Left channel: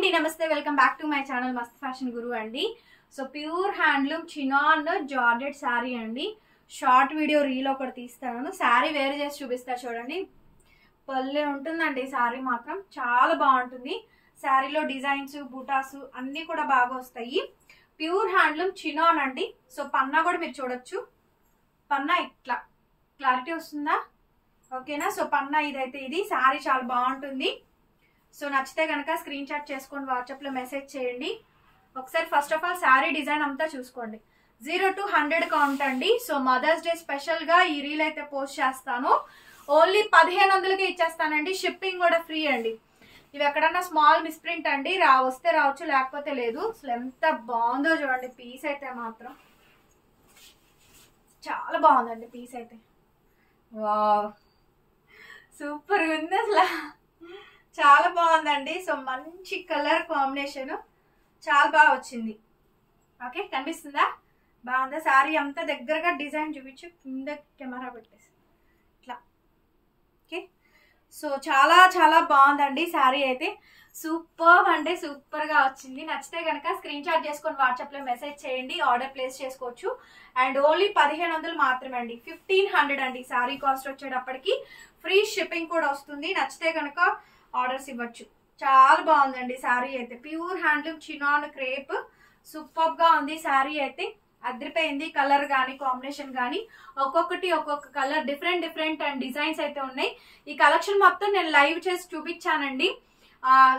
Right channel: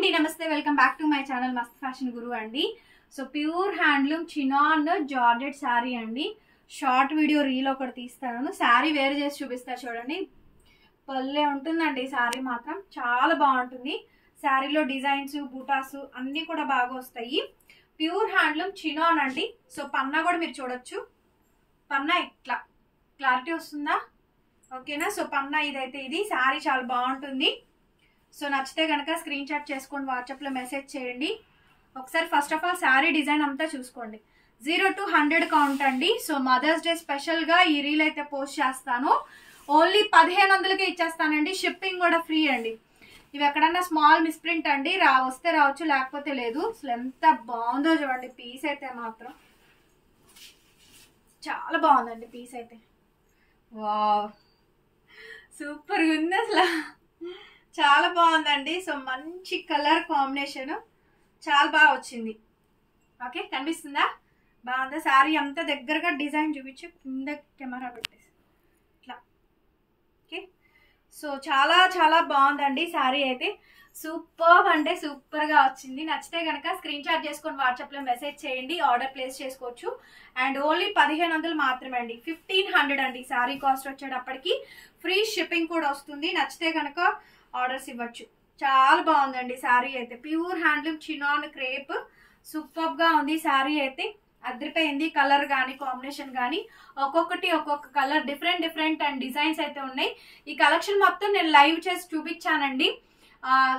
అండి నమస్తే welcome back to my channel Mast fashion Guru అండి. So pure handloom chinon georgette sari అండి. షార్ట్ వీడియో రీల్ ఒకటి తీస్తాను, శారీ వేర్ చేసి చూపిస్తా చూడండి. పల్లె ఉంటుందండి శారీ మాత్రం చాలా బాగుంటుంది. శారీలో డిజైన్స్ బూటాస్ అన్నీ కూడా బాగా వస్తాయి. ప్యూర్ హ్యాండ్లూమ్ చినాన్ అండి. సో పన్నా కూడా మీరు చూడొచ్చు, పన్నా ఇట్లా క్లారిటీ వస్తుందా? ఓకేనా? సో పన్నా ఇదైతే ఇది శారీ చాలా బాగుంటుంది. సో నచ్చితే కనుక స్క్రీన్ షాట్ చేసుకొని వాట్సాప్లో మెసేజ్ చేయండి. ఒకసారి first of all sari design అంతా చూసుకోండి. 0 to 100 కౌంట్ అండి. సో మదర్స్ డే స్పెషల్గా ఈ రీల్ అయితే పోస్ట్ చేస్తాను. ఓన్లీ 1500కే ఇచ్చేస్తానండి. షిప్పింగ్ కూడా ఫ్రీ అండి. ఇవి ఎక్కడన్నా స్మాల్ మిస్ప్రింట్ అండి, వస్తే రావచ్చు లేకపోతే లేదు. అసలు ఎంత బాగుందో చూడండి. పీస్ అయితే మాత్రం చాలా బాగుందండి. పీస్ అయితే వావ్ సూపర్గా ఉంది, అసలు చాలా బాగుందండి. సో మంచి కలర్ కాంబినేషన్ చాలా బాగా వచ్చింది. ఓకే కనిపిస్తుందా? బాగుందా? శారీ అంతా దగ్గరగా డిజైన్ చూపించి కింద కెమెరా పెట్టేసి ఇట్లా. ఓకే సో చాలా చాలా బాగుందండి. శారీ అయితే సూపర్ అంటే సూపర్గా వచ్చింది. నచ్చితే కనుక స్క్రీన్ షాట్ చేసుకొని వాట్సాప్లో మెసేజ్ చేయండి, ఆర్డర్ ప్లేస్ చేసుకోవచ్చు. అండ్ ఓన్లీ 1500 మాత్రమే అండి. 1500 అండి శారీ కాస్ట్ వచ్చేటప్పటికి. ఫ్రీ షిప్పింగ్ కూడా వస్తుంది. నచ్చితే కనుక ఆర్డర్స్ ఇవ్వచ్చు. చాలా బాగుందండి శారీ అయితే. Pure handloom chinon crepe super గా ఉంది. శారీ అయితే అదిరిపోయింది. కలర్ కానీ కాంబినేషన్ కానీ ఒక్కొక్కటి ఒక్కొక్క కలర్ డిఫరెంట్ అండ్ డిజైన్స్ అయితే ఉన్నాయి. ఈ కలెక్షన్ మొత్తం నేను లైవ్ చేసి చూపించానండి.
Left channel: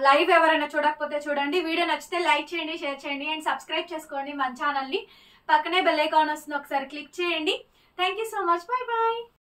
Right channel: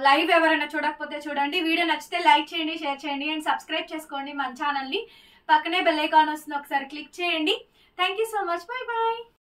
లైవ్ ఎవరైనా చూడకపోతే చూడండి. వీడియో నచ్చితే లైక్ చేయండి, షేర్ చేయండి అండ్ సబ్స్క్రైబ్ చేసుకోండి మన ఛానల్ని. పక్కనే బెల్ ఐకాన్ వస్తుంది, ఒకసారి క్లిక్ చేయండి. Thank you so much. Bye bye.